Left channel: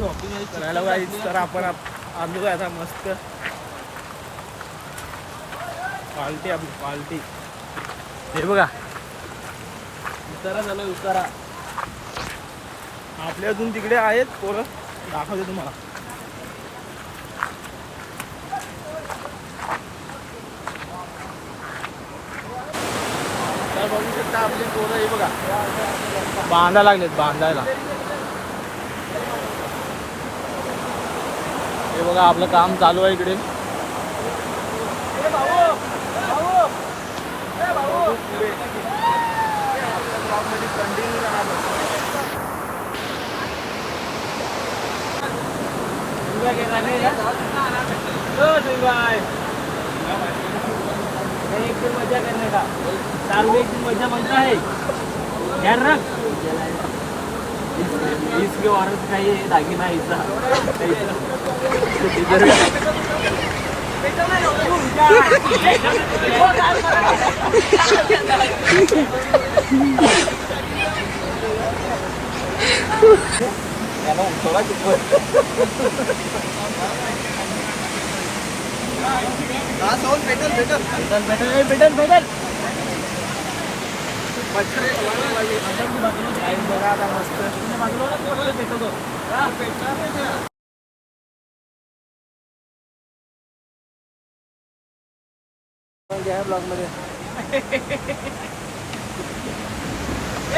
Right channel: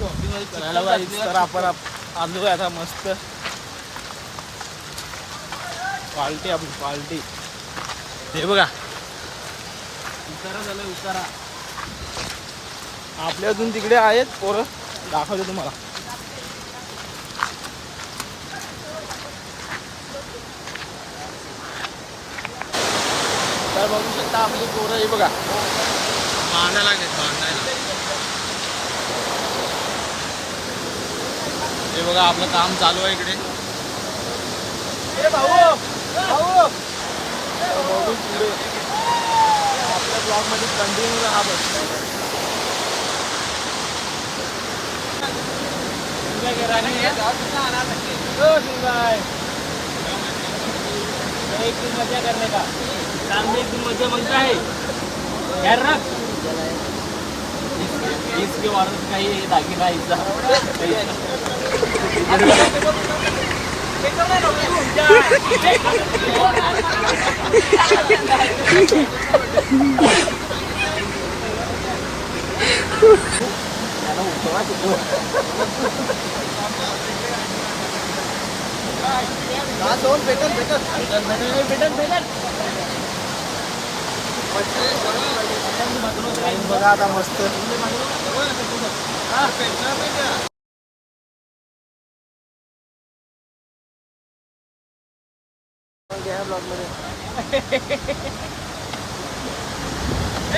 करायला पाहिजे. तर आपण आलो आता मस्त पार्टी. आपली पार्टी हे बघा, उतारा झालाय उतारा. आपल्या अजून तिकडे आहेत पोरं, दाखवतो तुम्हाला. तर बघू शकता आपली पोरं हे बघा बांधायला लागलेत, बांधायला. हे बघा आपलं काम चालू आहे इकडे. बघू पुढे कंटिन्यू राहा. एक दिन मजा करने का, साल में एक दिन मजा मांगता है यार ना. इसके औरत का ये दागिना ऐसा nó không có chụp quên. Đó xuống भेटल भेटल भेटल भेटल भेटल भेटल. बघा आता मस्त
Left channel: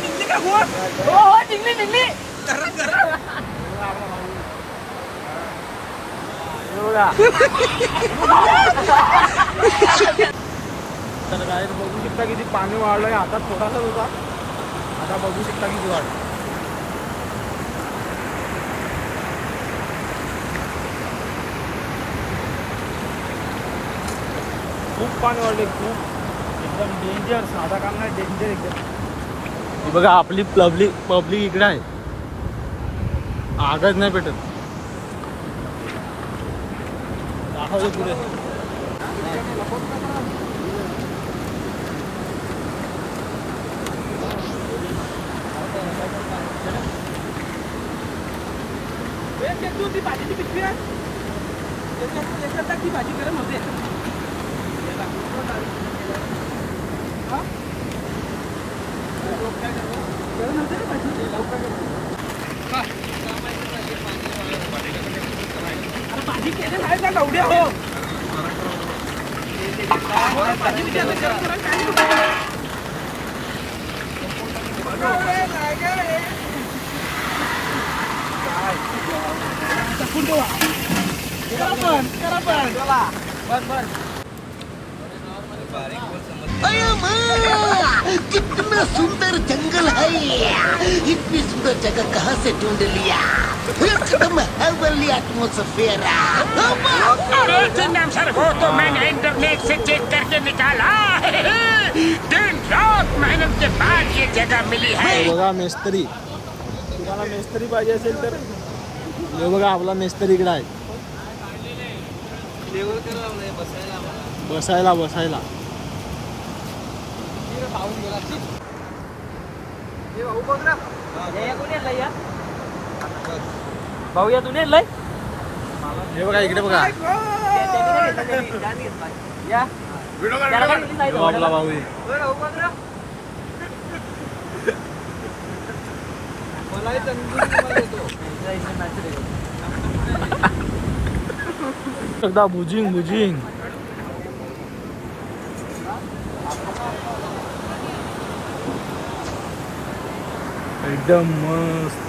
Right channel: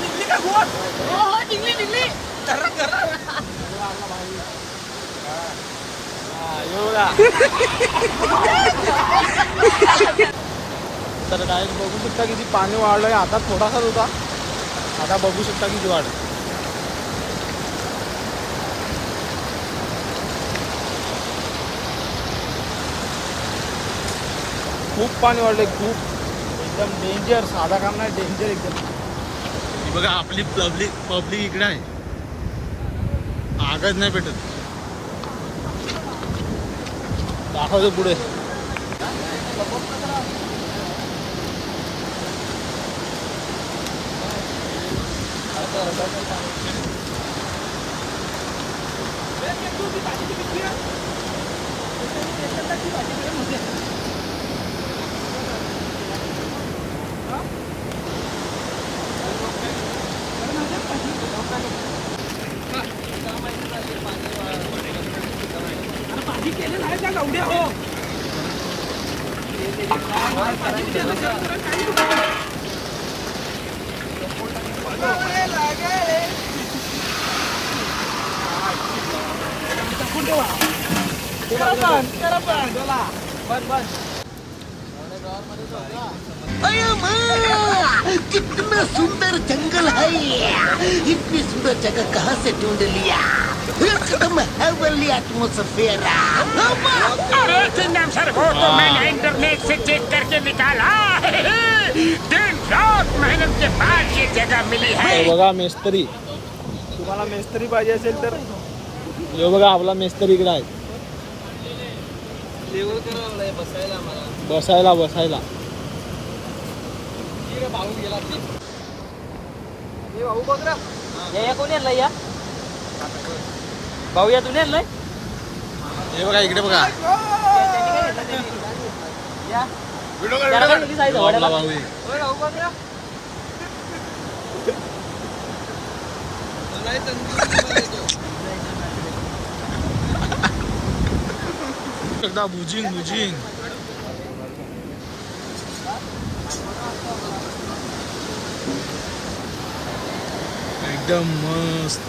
निघली का हो. निघली निघली. तर काय बघू शकता किती पाणी वाढलं. आता थोडासाच होता, आता बघू शकता किती वाढ. खूप पाणी वाढलंय, खूप एकदम डेंजर. साधा काम नाही, डेंजर एकदम. ही बघा आपली पब्लिक इकडे आहे, आगच नाही भेटत. दाखवतो पुढे. भाजी केलेलं आहे का गवड्या हो. कितना सुंदर जंगल है, इतनी सुंदर जगह कहाँ से ढूंढ लिया. एकदम हेवनली एटमॉस्फेयर. अरे चिन्नम सर, वो तो मैंने इंटरनेट से चेक करके निकाला. दिन रात मेहनत के बाद ये जगह मिली है. बघा मेस्त्री, तुम्हाला मेस्त्री पाहिजे असेल तर हे बघा आपला मेस्त्री इकडे आहे. बसायला बसायला भाऊ या तुम्ही आणलाय. हे बघा इकडे बघा, आपला भाऊ आहे. एकदा भुजिंग भुजिंग एकदम मस्त.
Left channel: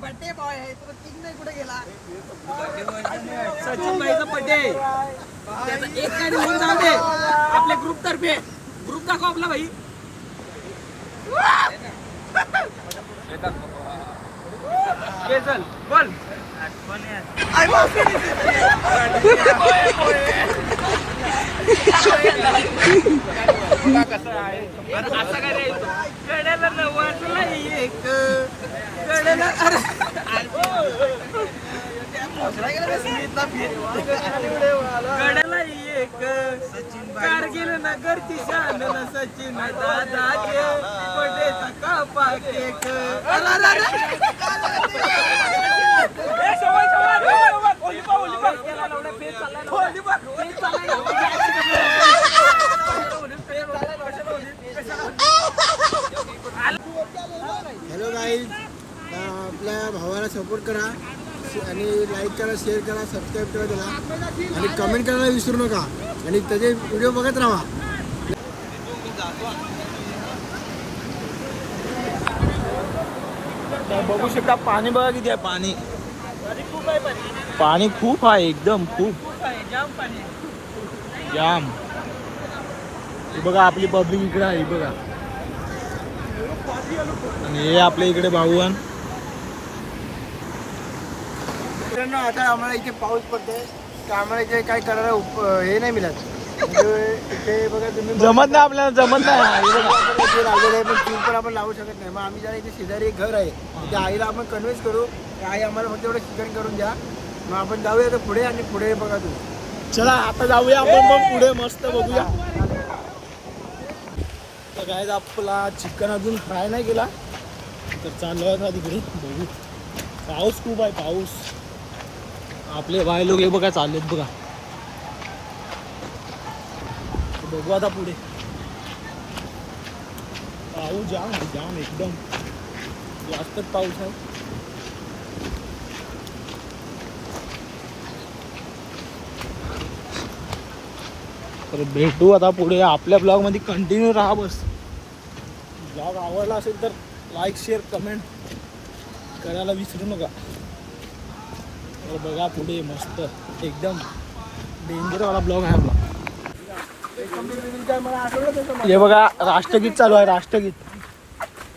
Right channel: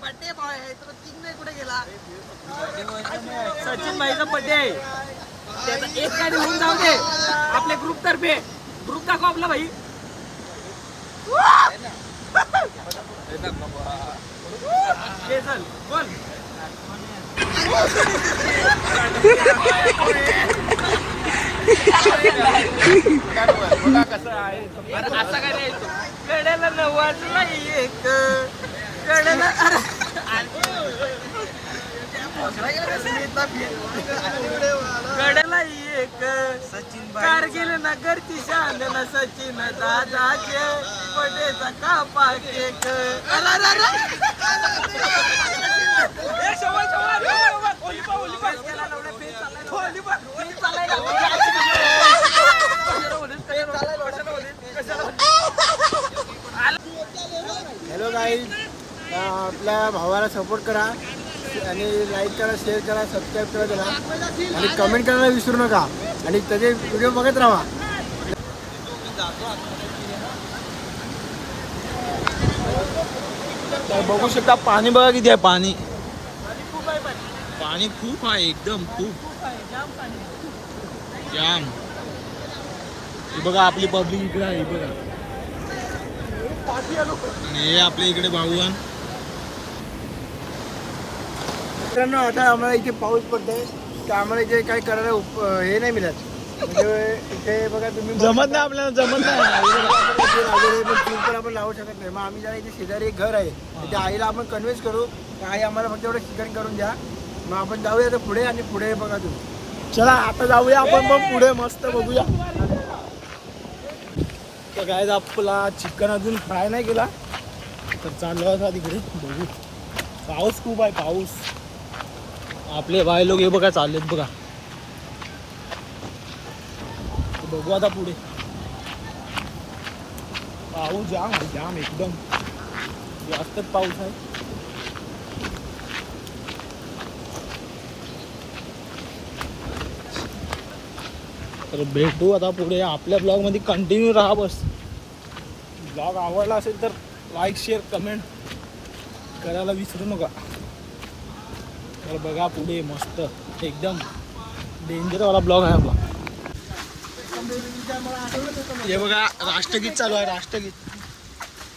बर्थडे बॉय आहे तो तीन नाही कुठे गेला. सचिन भाईचा बर्थडे, त्याचा एक गाडी होऊन जाऊ दे आपल्या ग्रुप तर्फे. ग्रुप दाखव आपला भाई. चल बोल कसं आहे कडेला नवाजला एक कडेला कडेला एक कारगिल नगरची शान न सचिन दादाचे पटेचा कापा केक हॅलो गाईज, आपल्या भावाला सपोर्ट करा आणि लाईक करा, शेअर करा, सबस्क्राईब करा त्याला आणि कमेंट करायला विसरू नका आणि त्याचे व्हिडिओ बघत राहा. तर बघू शकता पाणी बघा किती आहे. पाणी पाणी खूप आहे, एकदम खूप जाम. हे बघा आपली पब्लिक इकडे आहे, बघा. आणि हे आपल्या इकडे भाऊन. मित्रांनो, आता आम्हाला इथे पाऊस पडतोय तर आम्हाला इथे काय करायला हे नाही मिळत. म्हणजे इथे बघा तुम्ही जमत नाही, आपल्याला जमत नाही. पण चूल पण आपण लावू शकत नाही. मग आम्ही जरा इथे शेजारी एक घर आहे, त्या आईला आपण कन्व्हिन्स करू की आई आम्हाला फक्त एवढं चिकन करून द्या. मग आपण जाऊया तर पुढे आणि पुढे बघा तुम्ही. चला आता जाऊया आपण, मग पुढे मस्त बघूया. तर काय आपला चिकन अजून फ्राय नाही केला तर चाललो होता तिकडे बघू. पाऊस खूप आहे, पाऊस. आपले बाय लोक हे बघा चाललेत बघा. बघू आता पुढे. पाऊस जाम आहे, जाम एकदम जास्तच पाऊस आहे. तर भेटू आता पुढे. आपल्या ब्लॉगमध्ये कंटिन्यू राहा बस. ब्लॉग आवडला असेल तर लाईक, शेअर, कमेंट करायला विसरू नका. तर बघा पुढे मस्त एकदम डेंजरवाला ब्लॉग आहे आपला. हे बघा राष्ट्रगीत चालू आहे, राष्ट्रगीत.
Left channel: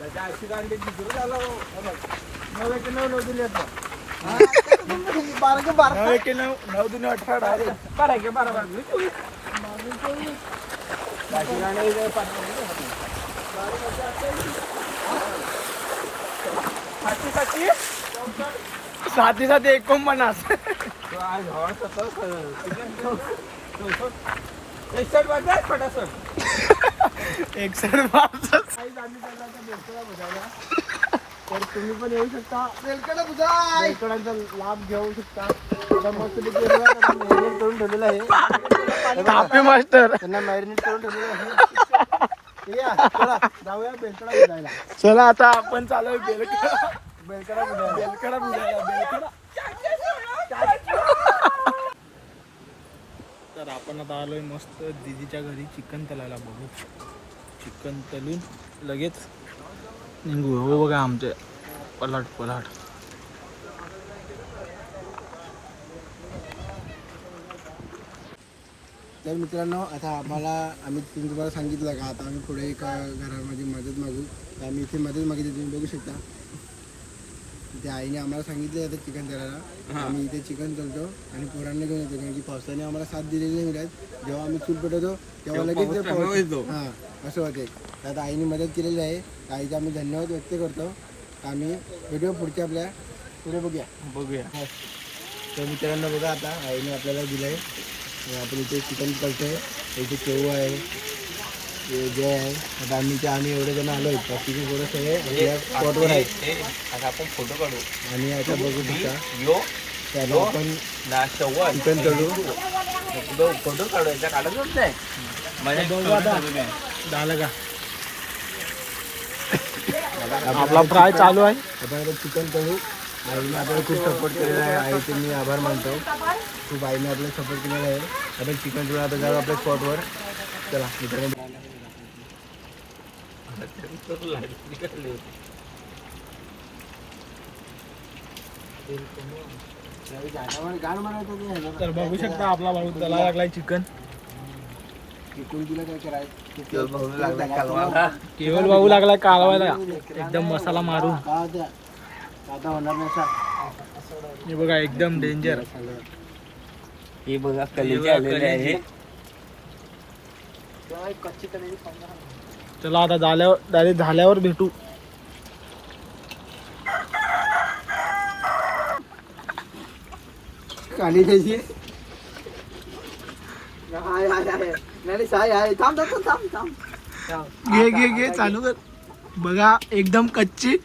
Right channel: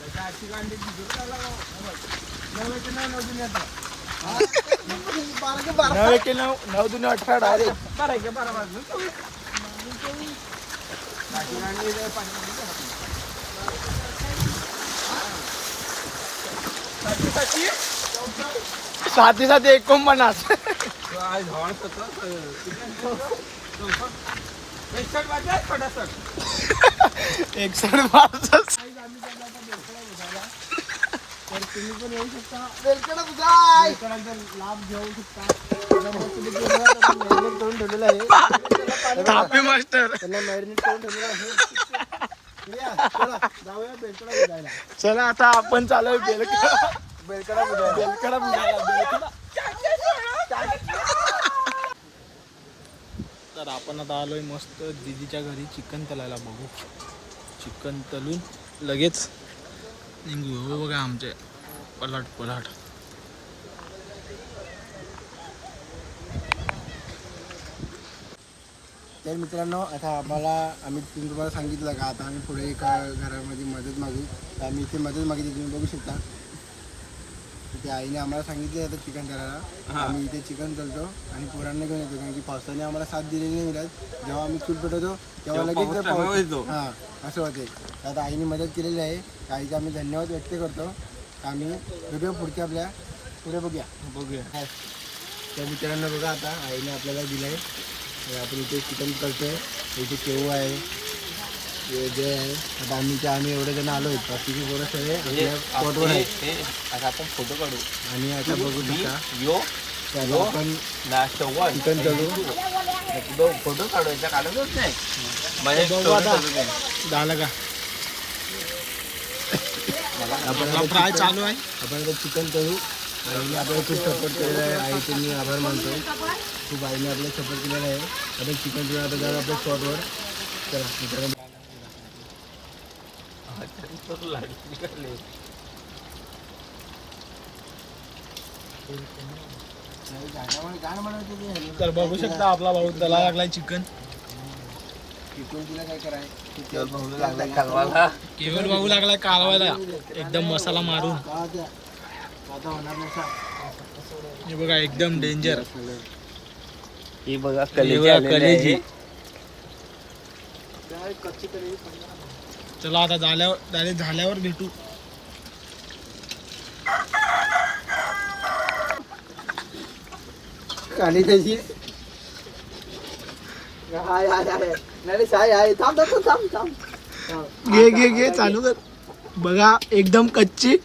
9/9/9/18 डायरेक्ट. साथी साथी 49. तर तुम्ही पण येऊ शकता. बेलकडांचा लाभ घेऊ शकता. करून ठेवलेलं आहे, थापे मास्टर. त्यांना मॅरिनेट करून ठेवलेलं आहे. चला जाऊया बेलकडा बुजायला. चला आता आपण चालू बेलकडा बुजायला. बेलकडा. तर आपण आता आलोय मस्त दीदीच्या घरी चिकन तलायला. बघू चिकन तलून लगेच निघू. हो बघा आमचे पलाट. तर मित्रांनो, आता आम्ही तुम्हाला सांगितलं का आता आम्ही पुढे एका घरामध्ये मदत मागू. तर आम्ही इथे मदत मागितली, तुम्ही बघू शकता. तिथे आईने आम्हाला सांगितलं आता चिकन करायला. आम्ही इथे चिकन करतो आणि पोरांना घेऊन येतो, कारण की पावसाने आम्हाला साथ दिलेली नाही मिळत. जेव्हा आम्ही चूल पेटवतो तेव्हा लगेच पाऊस येतो. हां, असं होते. आता आईने मदत केलेली आहे. आईचा आम्ही धन्यवाद व्यक्त करतो. आम्ही व्हिडिओ पुढच्या आपल्या पुढे बघूया. तर मित्रांनो बघा, आता आईने आपल्याला दिलं आहे. आपण इथे चिकन करतो. इथे केव्हा आहे, जे आहे. आता आम्ही एवढे जण आलो होतो. तिथे बरं सगळे आपल्या स्पॉटवर आहे. आता आपण फोटो काढू आणि आता बघू शकता त्याला आपण चिकन तळू. फोटो काढायचा काढतच नाही. बघू आता झालं का. आपला फ्राय चालू आहे. आपण आता चिकन तळू. आईने आपल्याला खूप सपोर्ट केलेला आहे. आईचे मी आभार मानतो. खूप आईने आपल्याला सपोर्ट केलेला आहे. आपण चिकन तळू. आता जाऊ आपल्या स्पॉटवर. चला मित्रांनो. तर बघू शकता आपला भाऊ त्याला लागलाय चिकन. चिकन तिला काय करायचं, केवळ भाऊ लागलाय कालवायला एकदम मसाला मारून. आता होणार नाही असा. हे बघा एकदम डेंजर. ही बघा कलेजी. चला आता डायरेक्ट झाल्यावर भेटू. काली त्याची नाही साय आहे. थांब थांब थांब. घे चालू कर. बघा एकदम कच्ची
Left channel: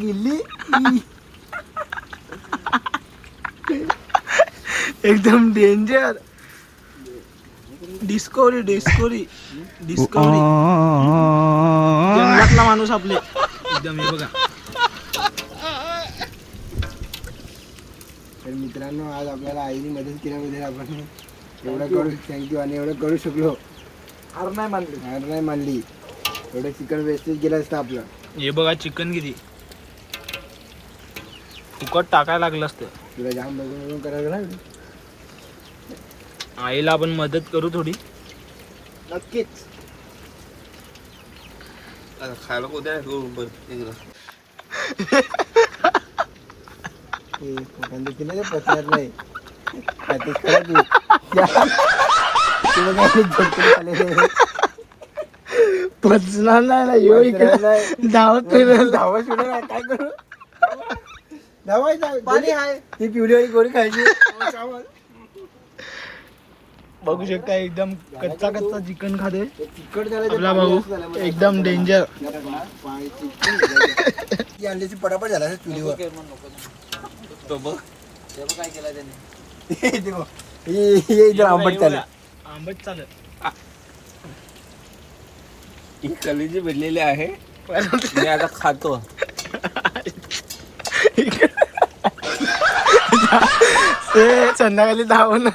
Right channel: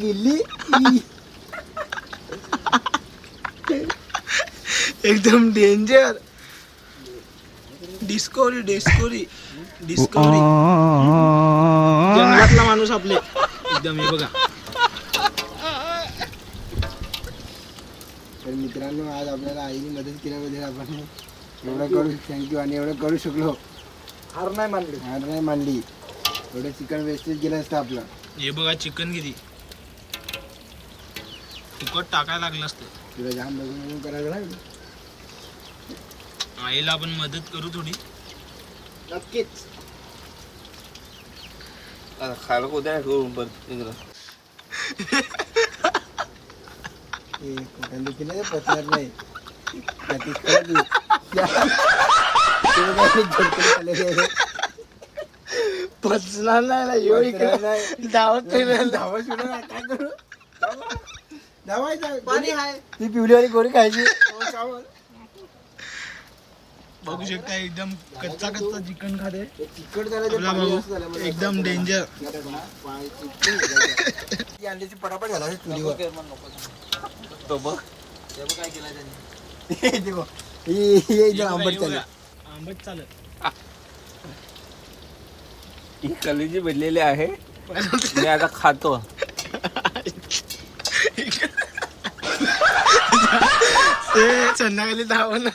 गिल्ली. एकदम डेंजर. डिस्कवरी जंगलातला माणूस आपले एकदम. हे बघा तर मित्रांनो, आज आपल्याला आईने मदत केल्याबद्दल आपण एवढं करू थँक्यू. आणि एवढं करू शकलो. हार नाही मानली. एवढं चिकन वेस्टेज गेलं असतं आपलं. हे बघा चिकन किती फुकट टाकायला लागलं असतं. तुला जाम बघून करायला लागलं. आईला आपण मदत करू थोडी. नक्कीच. खायला उद्या पचणार नाही. पचणार नाही ना. येऊ इकडे धावत काय करू. धावायचं पाणी आहे. ती पिवळीवाली गोरी खायची. बघू शकता एकदम कच्चा चिकन खाते तिखट आपला भाऊ. एकदम डेंजर. अंड्याची पटापट झाला चुलीवर. तो बघ काय केला त्याने. आंबट चालू. आंबट चालत. ही कलेजी भेटलेली आहे. मी आता खातो. संध्याकाळी धावून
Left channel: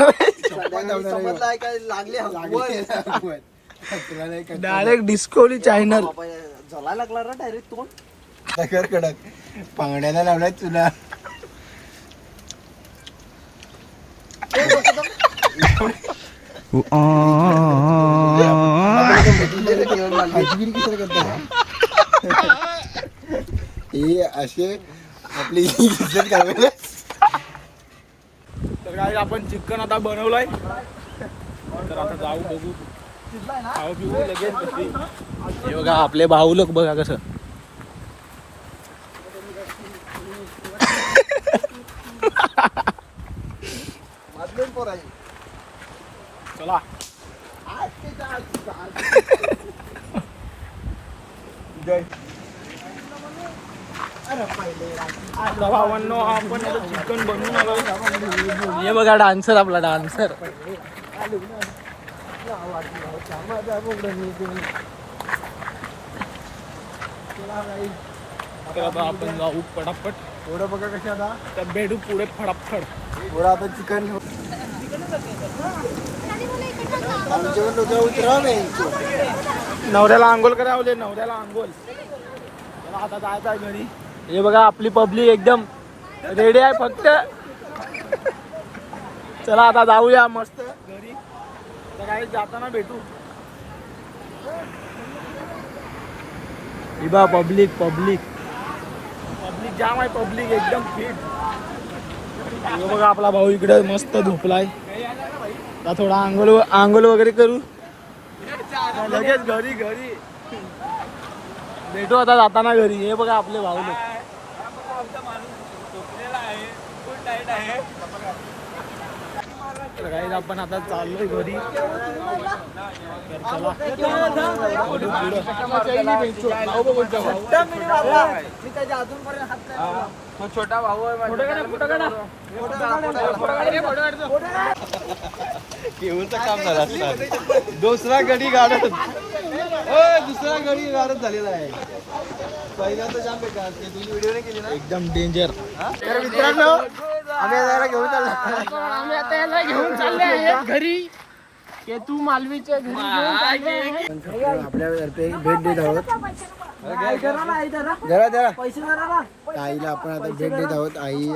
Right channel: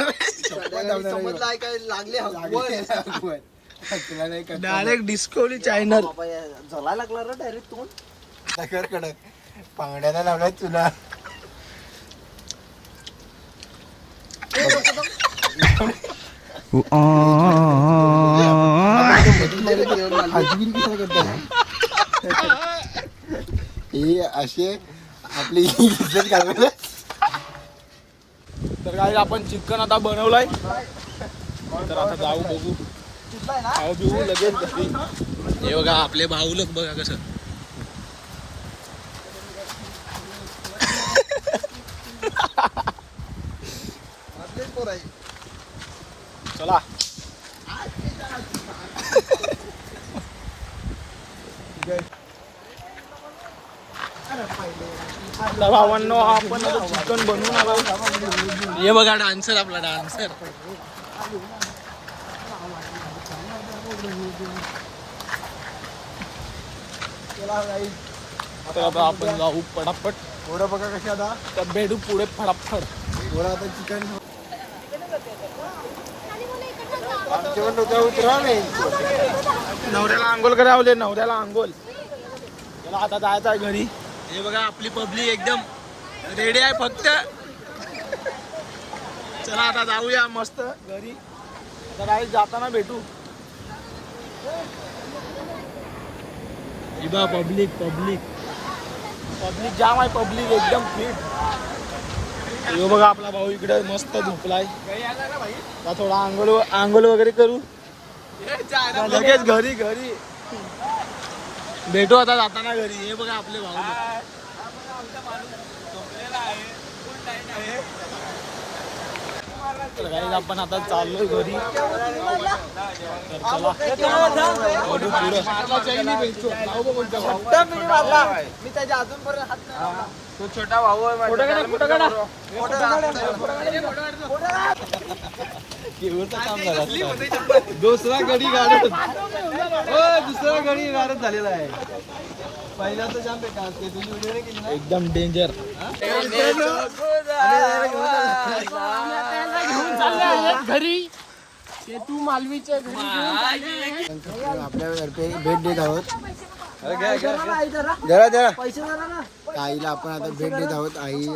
डायरेक्ट डिस्कवरी चॅनल. जला लागला ना डायरेक्ट तोंड कडक. पांगड्याला लावलाय तुला. हे असे आपली इज्जत करायला. तर काय आपण चिकन आता बनवलंय. तर आता जाऊ बघू. खाऊ पिऊ लगेच. हे बघा आपले भाऊ लोक बघा कसं. चला भावांनो आपण आता चिकन बनवून आलो. हे बघा डान्सर आपला डान्सर. तर आता आपण जाऊ पटापट. पोरं बघा कशी आता. तर भेटू पुढे फटाफट. पोरं आता चिकन आमचे पण डोक्या उतरा नाही. नवऱ्याला आंघोळ करावले. नवऱ्याला आंघोळ. चला आता जायचं आहे घरी. हे बघा आपली पब्लिक एकदम रेडी आहे फक्त. चला आता जाऊया मस्त घरी. आता काय जाताना भेटू. बा पब्लिक जाम आहे. पब्लिक एकदम फिट. हे बघा आपला भाऊ इकडे मस्त झोपलाय. थोडा आंघोळ वगैरे करू लगेच घरी भेटू आता जाताना घरी. हे बघा आपले भाऊ लोक. तर काही आपण आता चाललोय घरी. तर चला छोटा भाऊ दुसरा गडी गाडत झालेला आहे. पहिला तर जाम बेकार. तुझी व्हिडिओ नाही केली ना. एकदम डेंजर. मित्रांनो, आम्ही आता याला घेऊन चालले आहेत घरी. तू मालवीचे आपल्यातर्फे भेट देत आहोत. जरा आईला आपण आता भेट देत आहोत. आई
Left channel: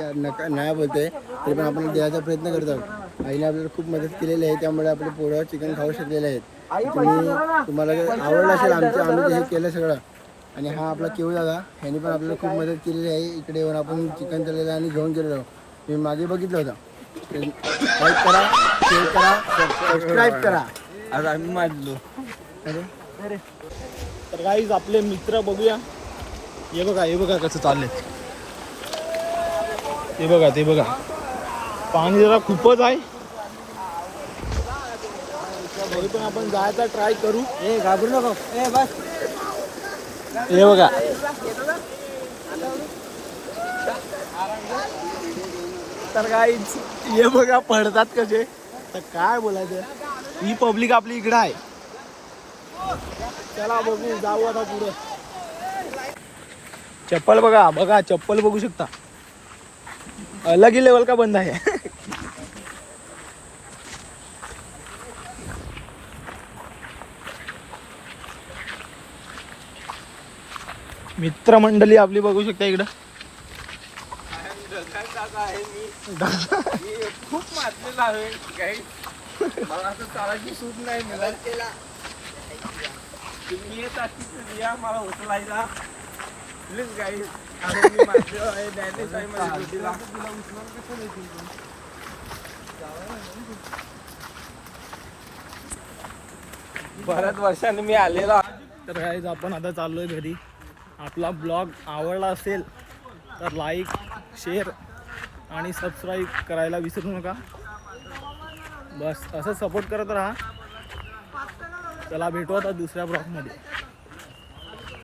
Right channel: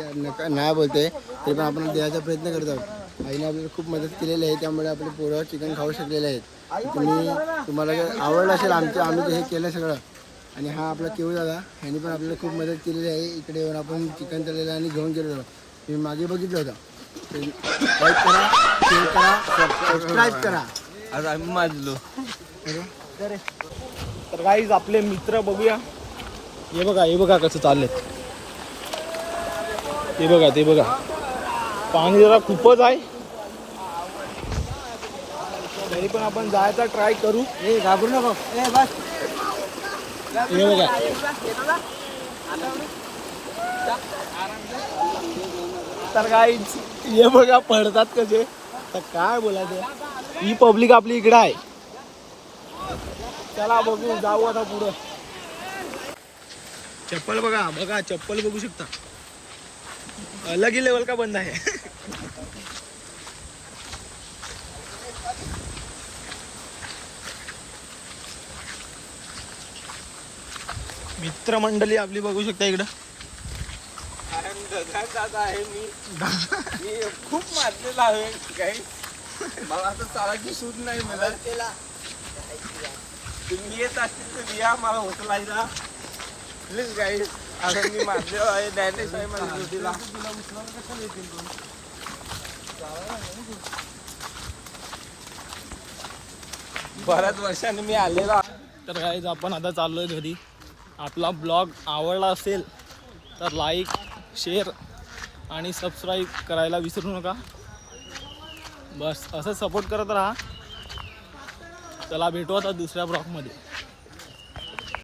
नाही बोलते तरी पण आपण द्यायचा प्रयत्न करत आहोत. आईने आपल्याला खूप मदत केलेली आहे. त्यामुळे आपले पोरं चिकन खाऊ शकलेले आहेत. तुम्हाला जर आवडलं असेल आम्ही जे हे केलं सगळं आणि हा आपला केवळ दादा, ह्याने पण आपल्याला खूप मदत केलेली आहे. इकडे येऊन आपण चिकन तळलेलं आणि घेऊन गेलेलो. मी मागे बघितलं होतं. लाईक करा, शेअर करा, सबस्क्राईब करा. आज आम्ही मानलो. तर गाईज आपले मित्र बघूया. हे बघा कसं चाललेत. ते बघा पाणी बघा खूपच आहे. तरी पण आपण जायचा ट्राय करू. घाबरू नको. बस. हे बघा तर गाईज हे बघा पडतात कसे. तर काय बोलायचं, ही पब्लिक आपली इकडं आहे. चला बघू, जाऊ आता पुढं. चप्पल बघा चप्पल बघू शकता. अलग ही लेवल का बंद आहे. मित्रमंडळी आपली बघू शकता इकडं. खूप मारलेला आहे काही. मला असं चालायची सूट नाही मिळाला. तुम्ही येत असतील तर या मला उचलायला प्लीज गाईड. आणि मी मारलेला आहे. डॅनिश आहे मला तुला उचलायला कसं देतील तुम्ही. बऱ्याच वर्षांनी मी आलेला. तर गाईज आपण आता चाललोय घरी. आपला ब्लॉग आवडला असेल तर लाईक, शेअर आणि सबस्क्राईब करायला विसरू नका. बस असं सपोर्ट करत राहा. चला भेटू आता दुसऱ्या ब्लॉगमध्ये.